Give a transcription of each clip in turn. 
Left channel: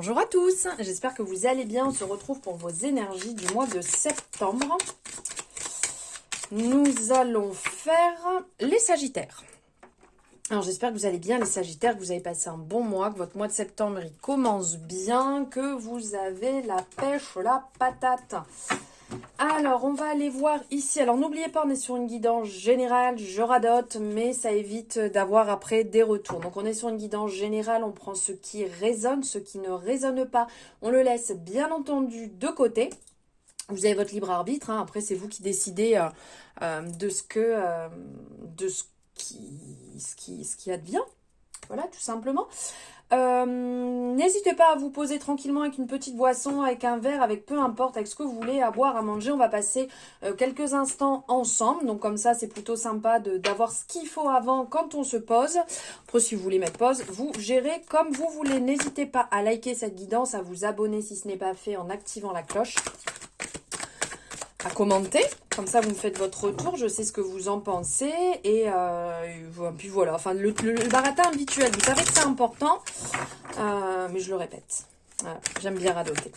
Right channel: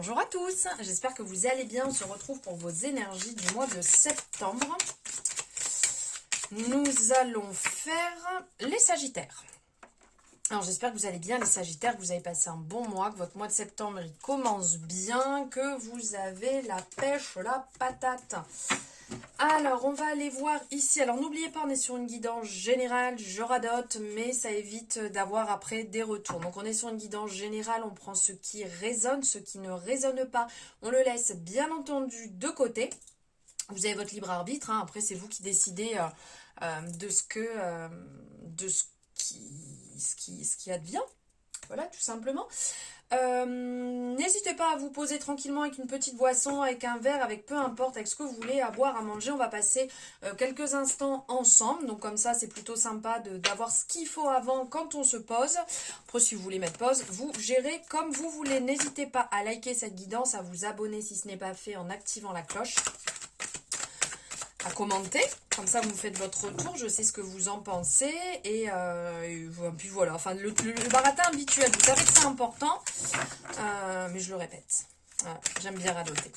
Bonjour à tous, j'espère que vous allez bien. On se retrouve pour vos énergies du mois de septembre. Nous allons faire les Sagittaires. Alors j'espère que vous allez bien les Sagittaires, que vous avez passé un bon mois, que votre mois de septembre il commence bien, que vous avez la pêche, la patate. Alors, on va aller voir ici. Alors, n'oubliez pas, on est sur une guidance générale. Je radote, mais ça évite d'avoir après des retours. Donc, on est sur une guidance générale. On prend ce qui résonne, ce qui ne résonne pas. On le laisse, bien entendu, de côté. Vous avez votre libre arbitre. Hein. Après, c'est vous qui décidez de ce qui advient. Voilà, tout simplement. N'hésitez pas à vous poser tranquillement avec une petite boisson, avec un verre, avec peu importe, avec ce que vous voulez, à boire, à manger. On va passer quelques instants ensemble. Donc comme ça, c'est plutôt sympa d'avoir ce qu'il faut avant quand on se pose. Après, si vous voulez mettre pause, vous gérez comme vous voulez. N'hésitez pas à liker cette guidance, à vous abonner si ce n'est pas fait en activant la cloche. À commenter, comme ça vous me faites votre retour, je sais ce que vous en pensez, et puis voilà, enfin le baratin habituel, vous savez que c'est important, mais je le répète, voilà, j'aime bien radoter.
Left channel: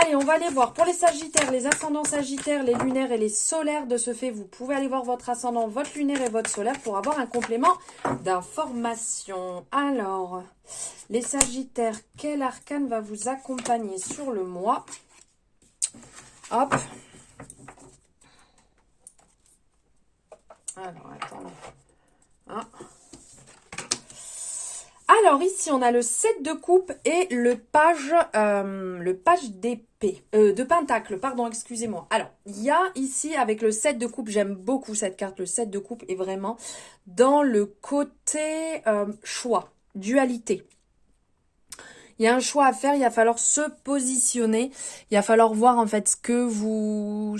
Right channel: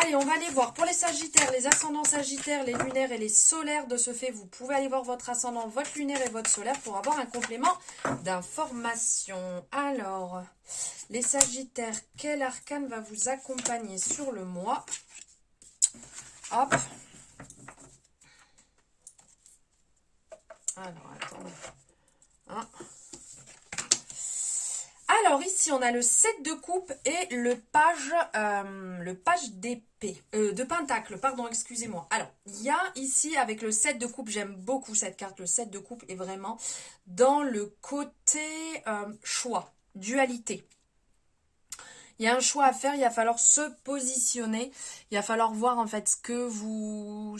Allez, on va aller voir pour les Sagittaires, les ascendants Sagittaires, les lunaires et les solaires. De ce fait, vous pouvez aller voir votre ascendant, votre lunaire et votre solaire pour avoir un complément d'information. Alors, les Sagittaires, quel arcane va vous accompagner sur le mois? Hop. Alors, attendez. Ah. Alors, ici, on a le 7 de coupe et le page d'épée. De pentacle, pardon, excusez-moi. Alors, il y a ici, avec le 7 de coupe, j'aime beaucoup cette carte. Le 7 de coupe est vraiment dans le côté choix, dualité. Il y a un choix à faire, il va falloir se positionner, il va falloir voir en fait ce que vous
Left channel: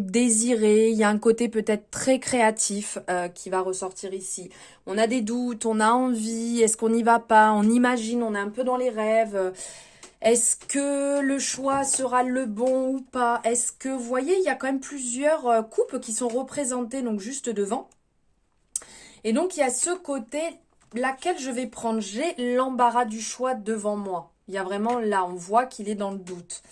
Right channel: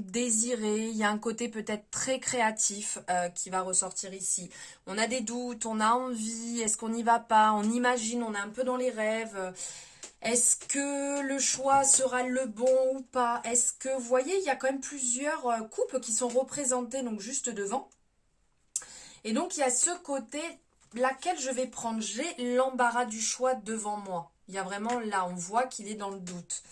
désirez. Il y a un côté peut-être très créatif qui va ressortir ici. On a des doutes, on a envie, est-ce qu'on n'y va pas? On imagine, on est un peu dans les rêves. Est-ce que le choix sera le bon ou pas? Est-ce que, vous voyez, il y a quand même plusieurs coupes qui sont représentées donc juste devant. Et donc, il y a ce côté... Laquelle je vais prendre? J'ai l'embarras du choix devant moi. Il y a vraiment là, on voit qu'il est dans le doute.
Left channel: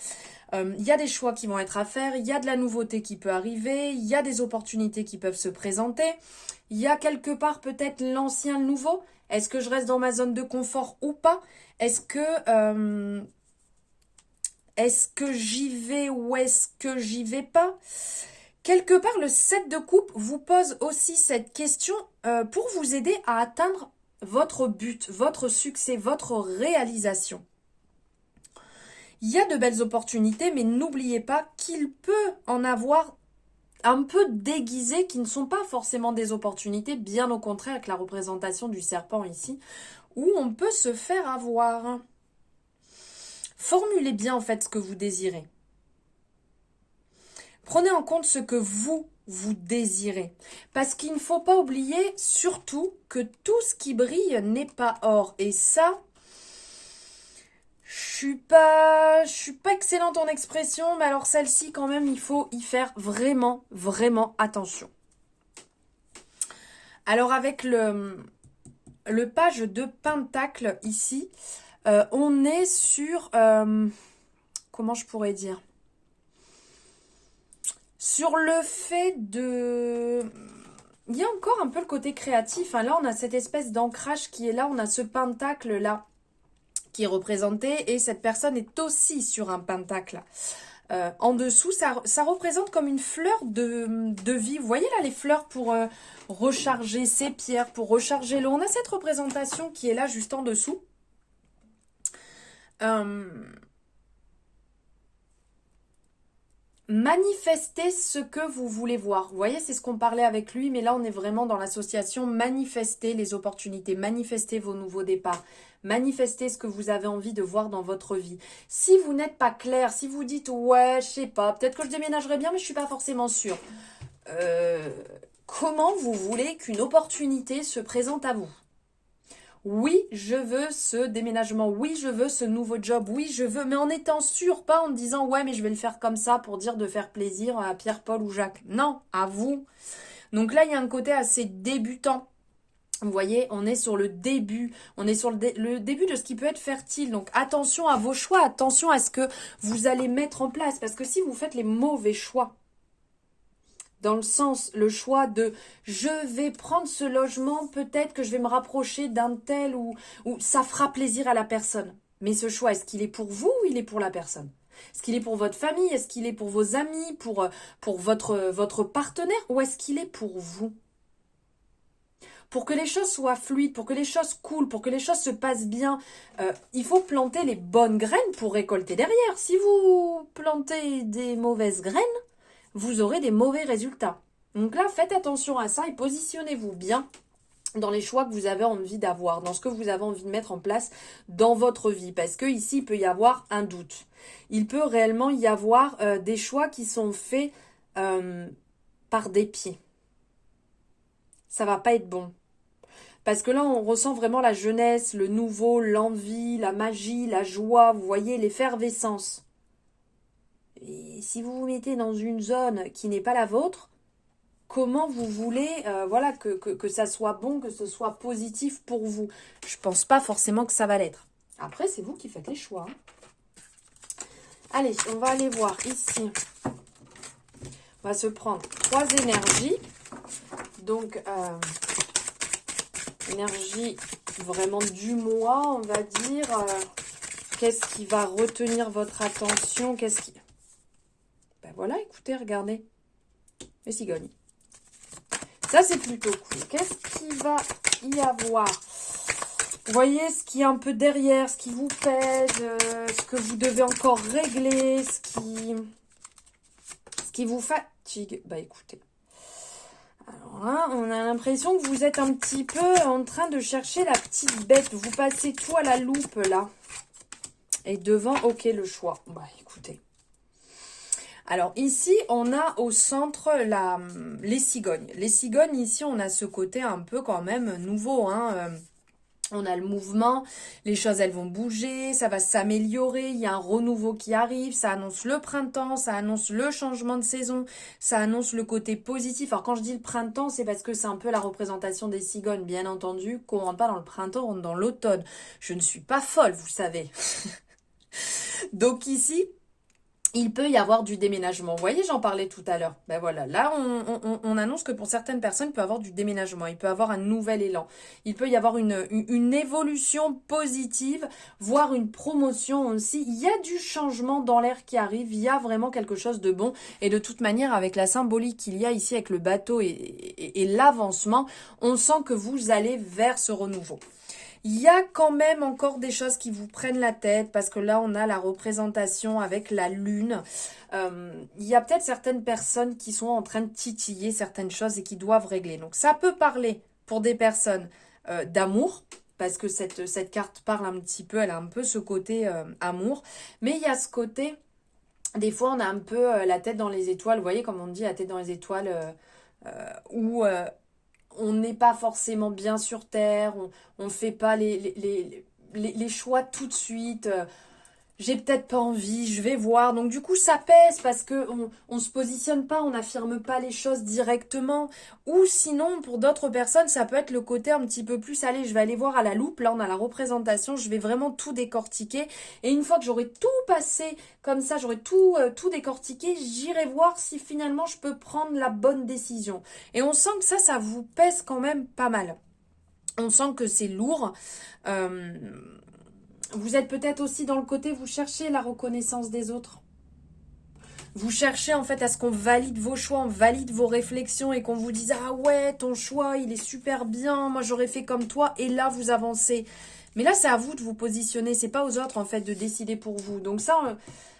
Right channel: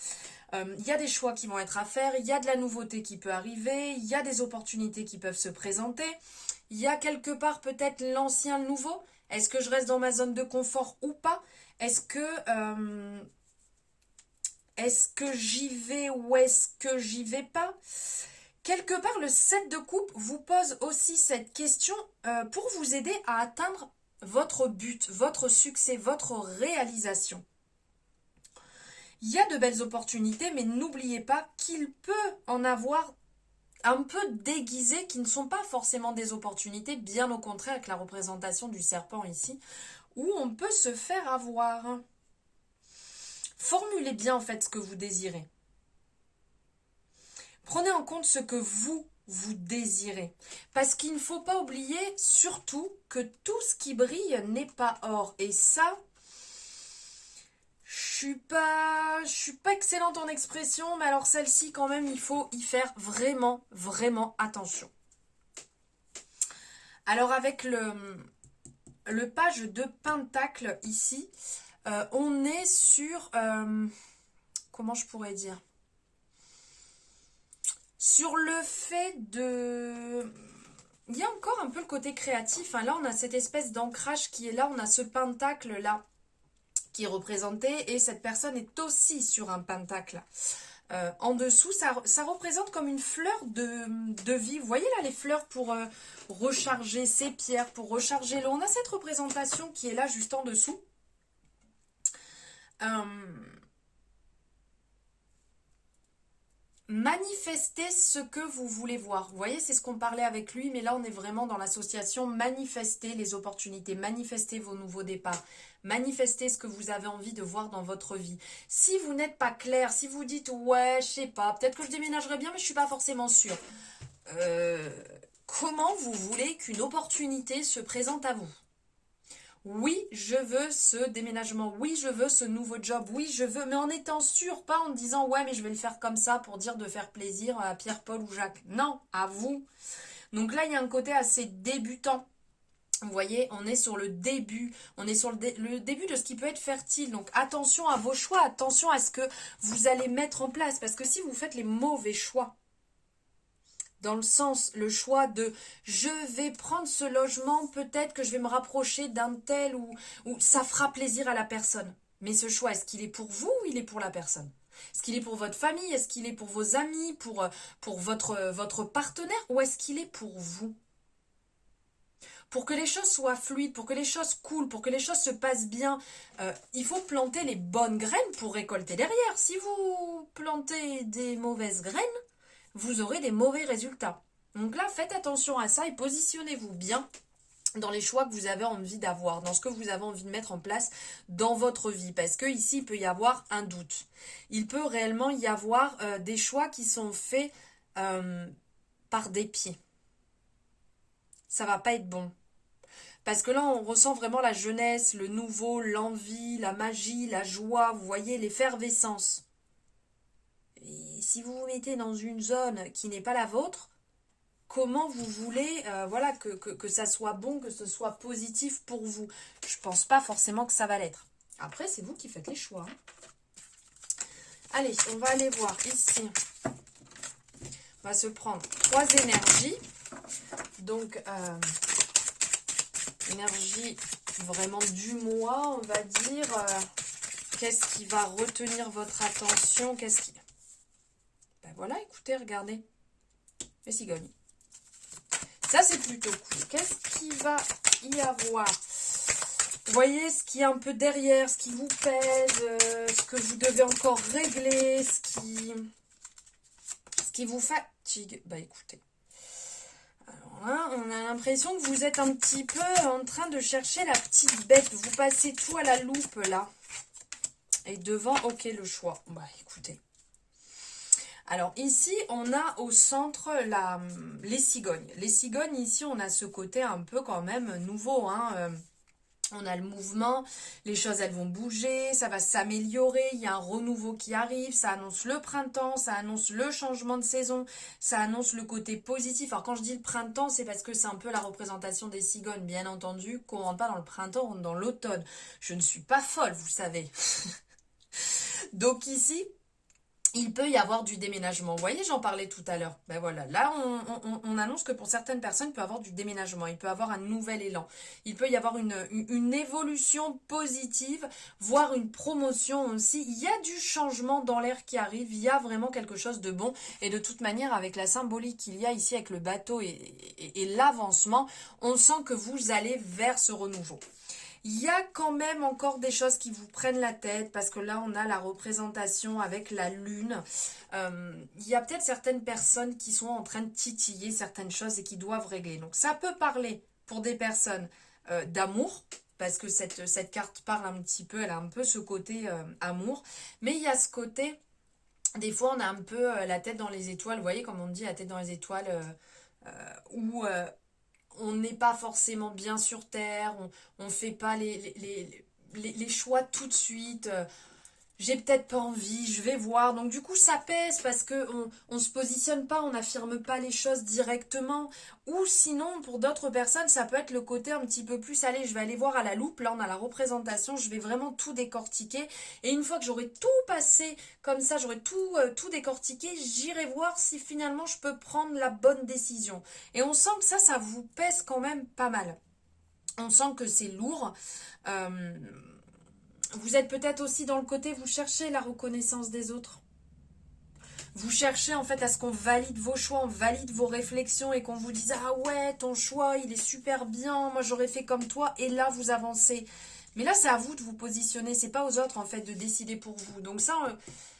Il y a des choix qui vont être à faire, il y a de la nouveauté qui peut arriver, il y a des opportunités qui peuvent se présenter. Il y a quelque part peut-être l'ancien, le nouveau. Est-ce que je reste dans ma zone de confort ou pas? Est-ce que j'y vais ou est-ce que j'y vais pas? Quelque part, le 7 de coupe vous pose aussi cette question pour vous aider à atteindre votre but, votre succès, votre réalisation. Il y a de belles opportunités, mais n'oubliez pas qu'il peut en avoir un peu déguisées qui ne sont pas forcément des opportunités, bien au contraire avec la représentation du serpent ici, où on peut se faire avoir. Formulez bien en fait ce que vous désirez. Prenez en compte ce que vous désirez. Parce qu'il ne faut pas oublier surtout que tout ce qui brille n'est pas or. Et ça, je suis pas excellente en expression, mais alors celle-ci quand même, il faut y faire vraiment, vraiment attention. Alors avec le page de pentacle ici, on est sur, comment je pourrais dire ? Sur le fait de... Il y a encore un peu le côté créatif. Hein. Là, on a cette espèce d'ancrage qui est là. On a ce pentacle-là qui est représenté. Et cette personne est aussi sur un pentacle. En dessous, ça représente comme une fleur de vie. Vous voyez là les fleurs pour recharger ses pierres, pour recharger l'eau. On a cette représentation qui est là juste en dessous. Manifestez ce que vous voulez voir. Vous voyez, c'est ce qu'on parlait avec lui, mais là, on est vraiment dans l'association. Manifestez les opportunités, manifestez vos nouveaux départs, manifestez ce que vous avez envie de voir dans votre vie. Si vous n'êtes pas clair, si vous dites « Ouais, je sais pas, peut-être que je déménagerai bien, mais je suis pas forcément sûre. » Comment vous voulez qu'une opportunité se présente à vous? Oui, je veux ce déménagement. Oui, je veux ce nouveau job. Oui, je veux, mais en étant sûr, pas en disant « Ouais, mais je vais le faire comme ça pour dire de faire plaisir à Pierre, Paul ou Jacques. » Non, à vous. Donc là, il y a un côté assez débutant Vous voyez, on est sur le début, on est sur le début de ce qui peut être fertile. Donc attention à vos choix, attention à ce que vous allez mettre en place. Parce que si vous faites les mauvais choix, dans le sens, le choix de je vais prendre ce logement, peut-être que je vais me rapprocher d'un tel ou ça fera plaisir à la personne. Mais ce choix, est-ce qu'il est pour vous ou il est pour la personne? Est-ce qu'il est pour votre famille? Est-ce qu'il est pour vos amis? Pour votre partenaire? Ou est-ce qu'il est pour vous? Pour que les choses soient fluides, pour que les choses coulent, pour que les choses se passent bien, il faut planter les bonnes graines pour récolter derrière. Si vous plantez des mauvaises graines, vous aurez des mauvais résultats. Donc là, faites attention à ça et positionnez-vous bien dans les choix que vous avez envie d'avoir, dans ce que vous avez envie de mettre en place dans votre vie. Parce que ici, il peut y avoir un doute. Il peut réellement y avoir des choix qui sont faits par dépit. Ça va pas être bon. Parce que là, on ressent vraiment la jeunesse, le nouveau, l'envie, la magie, la joie, vous voyez, l'effervescence. Et si vous vous mettez dans une zone qui n'est pas la vôtre, comment vous voulez voilà, que ça soit bon, que ce soit positif pour vous? Je pense pas forcément que ça va l'être. Après, c'est vous qui faites les choix. Allez, on va aller voir ici. On va se prendre 3 énergies. Donc, énergie vraiment du mois, on va dire. Qu'est-ce qui va retenir votre attention? Ben voilà, écoutez, regardez. Les cigognes. Ça, c'est plutôt cool. Qu'est-ce qui va y avoir? Vous voyez ce qui est un peu derrière, ce qui vous pèse, ce que vous devez encore régler, ce qui vous fatigue. Bah écoutez. Alors là, on a l'impression que vous êtes un petit peu en train de chercher la petite bête. Vous passez tout à la loupe là. Et devant, ok, le choix. Bah écoutez. Alors ici, on a au centre les cigognes. Les cigognes, ici, on a ce côté un peu quand même nouveau. On a le mouvement, les choses, elles vont bouger, ça va s'améliorer. Il y a un renouveau qui arrive, ça annonce le printemps, ça annonce le changement de saison, ça annonce le côté positif. Alors quand je dis le printemps, c'est parce que c'est un peu la représentation des cigognes, bien entendu. Qu'on ne rentre pas dans le printemps, on rentre dans l'automne. Je ne suis pas folle, vous savez. Donc ici, il peut y avoir du déménagement. Vous voyez, j'en parlais tout à l'heure. Ben voilà, là, on annonce que pour certaines personnes, il peut y avoir du déménagement. Il peut y avoir un nouvel élan. Il peut y avoir une évolution positive, voire une promotion aussi. Il y a du changement dans l'air qui arrive. Il y a vraiment quelque chose de bon. Et de toute manière, avec la symbolique qu'il y a ici avec le bateau et l'avancement, on sent que vous allez vers ce renouveau. Il y a quand même encore des choses qui vous prennent la tête parce que là, on a la représentation avec la lune. Il y a peut-être certaines personnes qui sont en train de titiller certaines choses et qui doivent régler. Donc, ça peut parler pour des personnes d'amour parce que cette carte parle un petit peu, elle a un peu ce côté amour. Mais il y a ce côté, des fois, on a un peu la tête dans les étoiles. Vous voyez, comme on dit, la tête dans les étoiles où on n'est pas forcément bien sur Terre, on ne fait pas les choix tout de suite. J'ai peut-être pas envie, je vais voir. Donc du coup, ça pèse parce qu'on ne se positionne pas, on n'affirme pas les choses directement. Ou sinon, pour d'autres personnes, ça peut être le côté un petit peu plus, allez, je vais aller voir à la loupe. Là, on a la représentation, je vais vraiment tout décortiquer. Et une fois que j'aurai tout passé comme ça, j'aurai tout décortiqué, j'irai voir si finalement je peux prendre la bonne décision. Et on sent que ça vous pèse quand même pas mal. On sent que c'est lourd. Vous êtes peut-être aussi dans le côté, vous cherchez la reconnaissance des autres. Vous cherchez en fait à ce qu'on valide vos choix, on valide vos réflexions et qu'on vous dise « Ah ouais, ton choix, il est super bien, moi j'aurais fait comme toi » et là vous avancez. Mais là c'est à vous de vous positionner, c'est pas aux autres en fait de décider pour vous. Donc ça,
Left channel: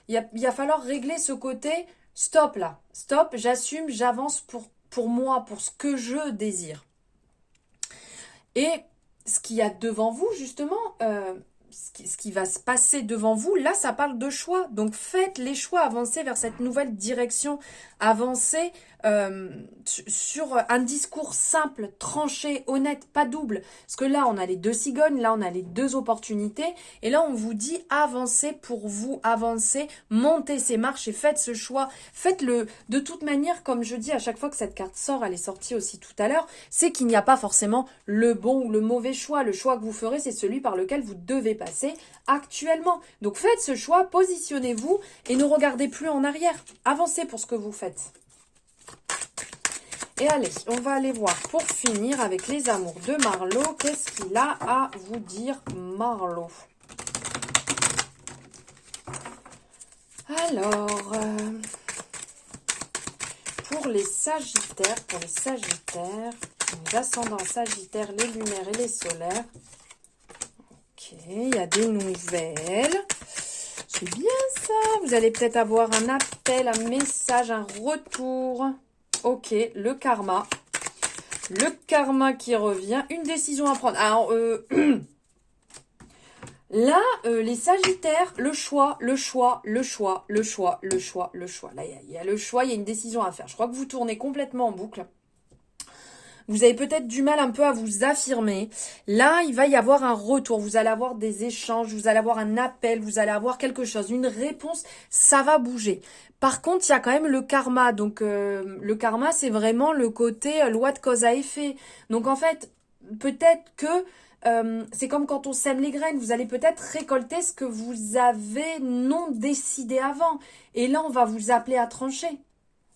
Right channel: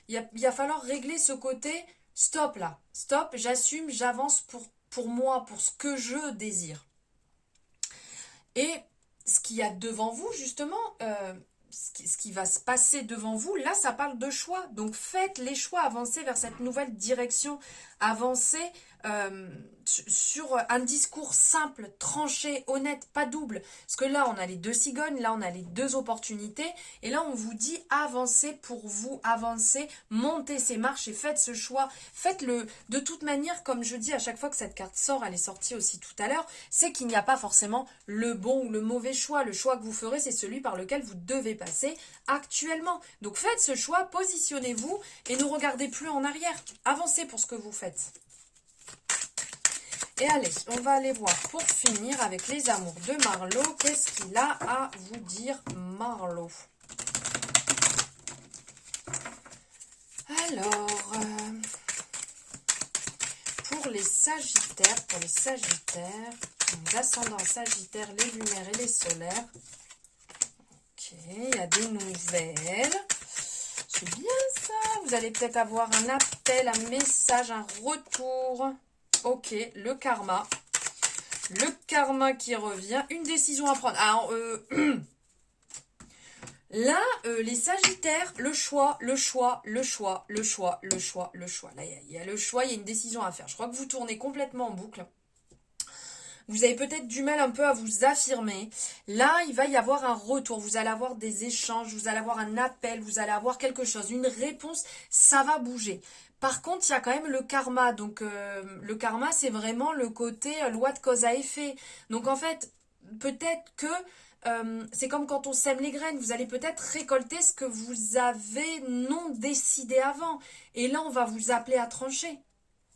il va falloir régler ce côté « Stop là, stop, j'assume, j'avance pour moi, pour ce que je désire ». Et ce qu'il y a devant vous justement... ce qui va se passer devant vous, là, ça parle de choix. Donc, faites les choix, avancez vers cette nouvelle direction Avancez sur un discours simple, tranché, honnête, pas double. Parce que là, on a les deux cigognes, là, on a les deux opportunités. Et là, on vous dit avancez pour vous, avancez, montez ces marches et faites ce choix. Faites-le de toute manière, comme je dis à chaque fois que cette carte sort, elle est sortie aussi tout à l'heure, c'est qu'il n'y a pas forcément le bon ou le mauvais choix. Le choix que vous ferez, c'est celui par lequel vous devez passer actuellement. Donc faites ce choix, positionnez-vous et ne regardez plus en arrière. Avancez pour ce que vous faites. Et allez, on va aller voir pour finir avec les amours de Marlo. Qu'est-ce qu'il a à vous dire, Marlo? Alors, pour les Sagittaires, les ascendants Sagittaires, les lunaires et les solaires. Ok, il y a des nouvelles. C'est bien ça. Vous allez peut-être avoir un appel, un message, un retour. Ok, le karma. Le karma qui revient. Une décision à prendre. Alors, là, les Sagittaires, le choix. Là, il y a le choix, il y a une décision à faire. Je crois que vous tournez complètement en boucle. Vous avez peut-être du mal un peu à vous affirmer. Là, il va y avoir un retour. Vous allez avoir des échanges, vous allez avoir un appel, vous allez avoir quelque chose, une réponse. Ça va bouger. Par contre, il y a quand même le karma. Donc, le karma, c'est vraiment le côté loi de cause à effet. Donc, en fait, peut-être que c'est comme quand on sème les graines. Vous allez peut-être récolter ce que vous avez non décidé avant. Et là, on va vous appeler à trancher.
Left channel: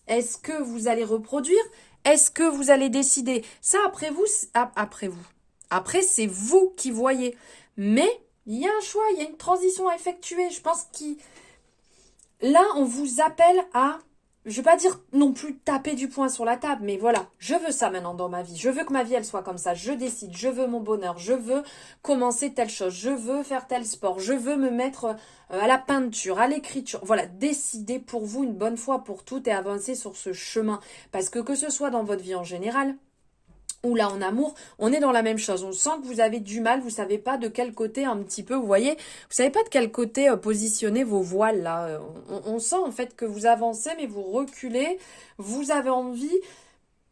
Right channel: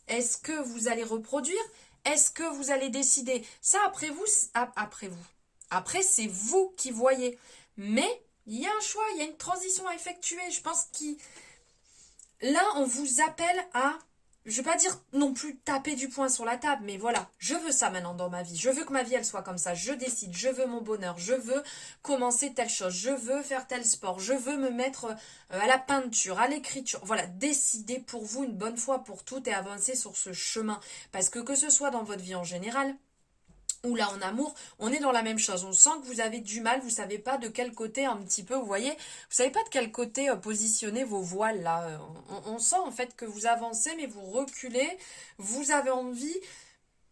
Est-ce que vous allez reproduire? Est-ce que vous allez décider? Ça, après vous. Après, c'est vous qui voyez. Mais il y a un choix, il y a une transition à effectuer. Je pense là, on vous appelle à, je ne vais pas dire non plus taper du poing sur la table, mais voilà, je veux ça maintenant dans ma vie. Je veux que ma vie, elle soit comme ça. Je décide, je veux mon bonheur, je veux commencer telle chose, je veux faire tel sport, je veux me mettre à la peinture, à l'écriture. Voilà, décidez pour vous une bonne fois pour toutes et avancez sur ce chemin. Parce que ce soit dans votre vie en général, ou là en amour, on est dans la même chose. On sent que vous avez du mal, vous savez pas de quel côté un petit peu, vous voyez, vous savez pas de quel côté positionner vos voiles là. On sent en fait que vous avancez mais vous reculez, vous avez envie.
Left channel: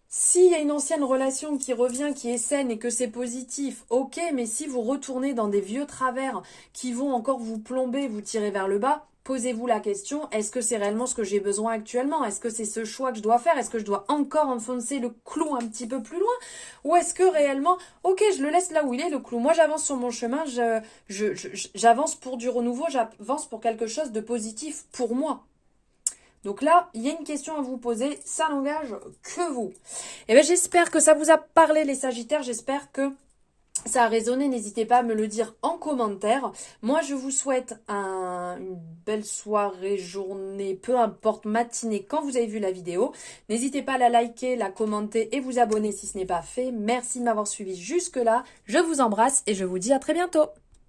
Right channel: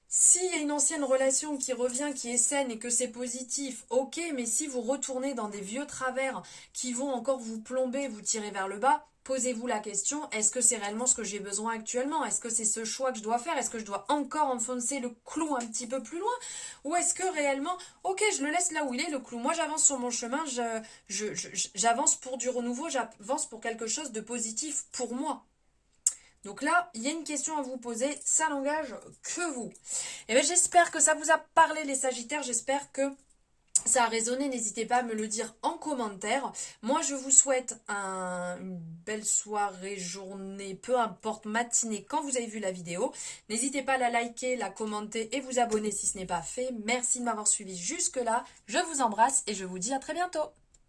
S'il y a une ancienne relation qui revient, qui est saine et que c'est positif, ok, mais si vous retournez dans des vieux travers qui vont encore vous plomber, vous tirer vers le bas, posez-vous la question, est-ce que c'est réellement ce que j'ai besoin actuellement? Est-ce que c'est ce choix que je dois faire? Est-ce que je dois encore enfoncer le clou un petit peu plus loin? Ou est-ce que réellement, ok, je le laisse là où il est, le clou. Moi, j'avance sur mon chemin, j'avance pour du renouveau, j'avance pour quelque chose de positif pour moi. Donc là, il y a une question à vous poser, ça n'engage que vous. Et bien j'espère que ça vous a parlé les Sagittaires, j'espère que ça a résonné, n'hésitez pas à me le dire en commentaire. Moi, je vous souhaite une belle soirée, journée, peu importe, matinée, quand vous avez vu la vidéo. N'hésitez pas à la liker, la commenter et vous abonner si ce n'est pas fait. Merci de m'avoir suivi jusque-là. Je vous embrasse et je vous dis à très bientôt.